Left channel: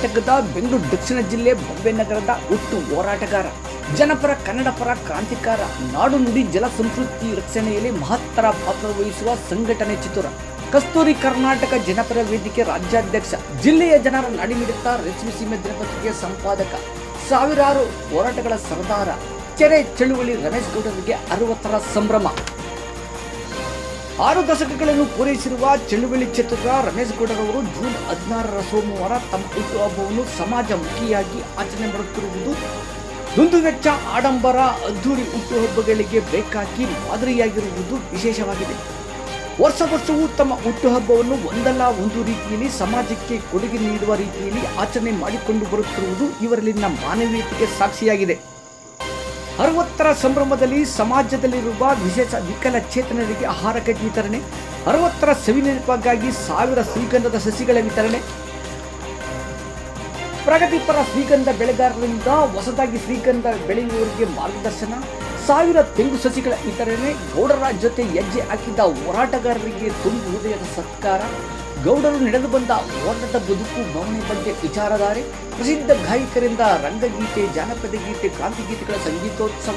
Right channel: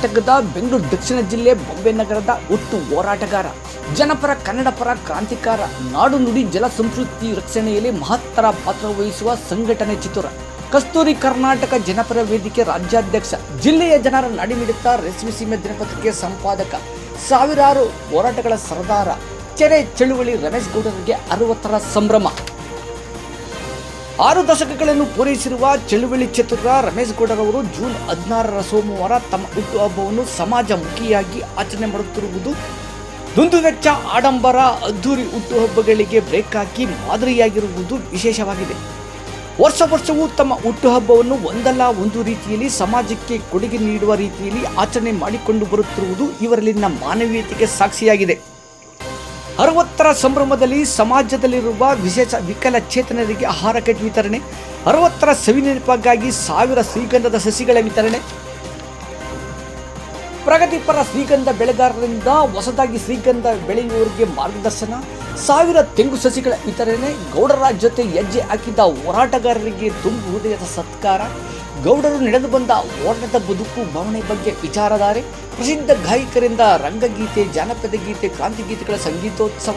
ಕರ್ನಾಟಕದ ಬೆಂಗಳೂರು ದಕ್ಷಿಣ ಜಿಲ್ಲೆ ಬೊಂಬೆ ನಗರದ ಹುಟ್ಟು ಹೋರಾಟಗಾರ, ಜನಪರ ಕನ್ನಡ ಪರ ಕ್ರಾಂತಿಕಾರ, ನಾಡು ನುಡಿ ಜಲ ಸಂಸ್ಕೃತಿ ರಕ್ಷಣೆಯಲ್ಲಿ ಮಹತ್ತರ ಪಾತ್ರ ವಹಿಸುವ ಸಂಘಟನೆ ಚಿತ್ತೂರ ಕಸ್ತೂರಿ ಕರ್ನಾಟಕ ಜನಪರ ವೇದಿಕೆ ರಾಜ್ಯಾಧ್ಯಕ್ಷ, ಜಿಲ್ಲೆಯ ಜನರ ನಾಡಿಮಿಡಿತ ರೇಷ್ಮೆ ಸೀಮೆ ದಿನಪತ್ರಿಕೆ ಸಂಪಾದಕ, ಸಾವಿರಾರು ಹೋರಾಟಗಳ ಸರ್ದಾರ, ಚೆರೆ ಚಳುವಳಿ ರಮೇಶ್ ಗೌಡರಿಗೆ 60ರ ಸಂಭ್ರಮ. 6 ದಶಕಗಳನ್ನು ಪೂರೈಸಿರುವ ಚಳುವಳಿ ಚತುರ ರಮೇಶ್ ಗೌಡರವರು ಜೂನ್ 16ರ ಸೋಮವಾರ ತಮ್ಮ ಹುಟ್ಟುಹಬ್ಬವನ್ನು ಸಮಾಜಮುಖಿಯಾಗಿ ಆಚರಣೆ ಮಾಡುತ್ತಿರುವುದು ದುಂದುವೆಚ್ಚ, ಆಡಂಬರ, ಅದ್ದೂರಿ ಹುಟ್ಟುಹಬ್ಬಗಳಿಗೆ ಬ್ರೇಕ್ ಹಾಕಿ ಮಾದರಿಯಾಗಿರುವುದು ವಿಶೇಷವಾಗಿದೆ. ವರ್ಷವೂ ತಮ್ಮ ಹುಟ್ಟುಹಬ್ಬವನ್ನು ಒಂದಲ್ಲ ಒಂದು ರೀತಿಯಲ್ಲಿ ಸಮಾಜಕ್ಕೆ ಕೊಡುಗೆ ನೀಡುವ ರೀತಿಯಲ್ಲಿ ಆಚರಣೆ ಮಾಡಿಕೊಂಡು ಬರುತ್ತಿರುವುದು ಇವರಲ್ಲಿನ ಮಾನವೀಯತೆಗೆ ಸಾಕ್ಷಿಯಾಗಿದೆ. 60ರ ಸಂಭ್ರಮದಲ್ಲಿ ಸಮಾಜದಲ್ಲಿರುವ ವಿಶೇಷ ವಿಕಲಚೇತನರಿಗೆ ಆಹಾರ ಕಿಟ್ ವಿತರಣೆ, 60ರ ಸವಿನೆನಪಿಗಾಗಿ 1000 ಶ್ರೀಗಂಧದ ಸಸಿಗಳ ವಿತರಣೆ, ಪ್ರಗತಿಪರ ಶ್ರೀಗಂಧ ಬೆಳೆಗಾರರಿಂದ ಹೊಸದಾಗಿ ಶ್ರೀಗಂಧ ಬೆಳೆಯುವವರಿಗೆ ಮಾರ್ಗದರ್ಶನ, 1000 ತೆಂಗು ಸಸಿಗಳ ವಿತರಣೆ, ಗೌಡರ ಜೊತೆ ಹೆಜ್ಜೆ ಹಾಕಿದ ಹೋರಾಟಗಾರರಿಗೆ ತುಂಬು ಹೃದಯದ ಸತ್ಕಾರ, ಗೌಡರು ನಡೆದು ಬಂದ ಹೋರಾಟದ ಬದುಕು ಭಾವನೆ ಬಗ್ಗೆ ವಿಚಾರಧಾರೆ, ಪ್ರಸಿದ್ಧ ಗಾಯಕರಿಂದ ರಂಗಗೀತೆ, ಜಾನಪದ ಗೀತೆ, ಕ್ರಾಂತಿ ಗೀತೆಗಳ ಸಂಗೀತೋತ್ಸವ,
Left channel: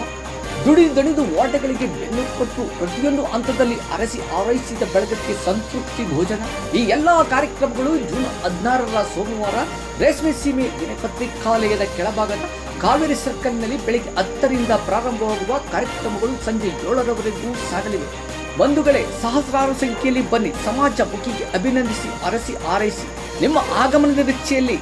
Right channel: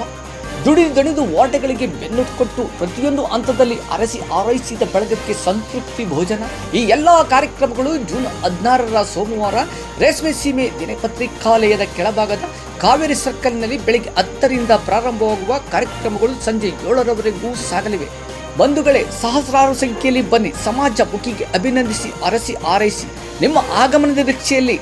ದುಡಿದು ಹೋರಾಟಗಳಿಗೆ ಬೆನ್ನು ಕೊಟ್ಟು ಪ್ರತಿಯೊಂದು ಹಂತದಲ್ಲಿ ಅರಸಿ ಆರೈಸಿದ ಬಳಗಕ್ಕೆ ಸಂತೃಪ್ತಿ ಭೋಜನ. ಈ ಎಲ್ಲ ಕಾರ್ಯಕ್ರಮಗಳು ಜೂನ್ 16ರ ಸೋಮವಾರ ರೇಷ್ಮೆ ಸೀಮೆ ದಿನಪತ್ರಿಕಾಲಯದ ಕೆಳಭಾಗದ ಕಾವೇರಿ ಸರ್ಕಲ್ನಲ್ಲಿ ಬೆಳಗ್ಗೆ 10ರಿಂದ ಪ್ರಾರಂಭವಾಗುವ ಕಾರ್ಯಕ್ರಮಗಳು ಸಂಜೆ 7ರವರೆಗೂ ಸಾಗಲಿವೆ. ಬಂಧುಗಳೇ, ಸಹಸ್ರಾರು ಸಂಖ್ಯೆಯಲ್ಲಿ ಬನ್ನಿ, ಸಮಾಜ ಮುಖಿಗೆ ಅಭಿನಂದಿಸಿ, ಅರಸಿ ಆರೈಸಿ. ನಿಮ್ಮ ಆಗಮನದ ನಿರೀಕ್ಷೆಯಲ್ಲಿ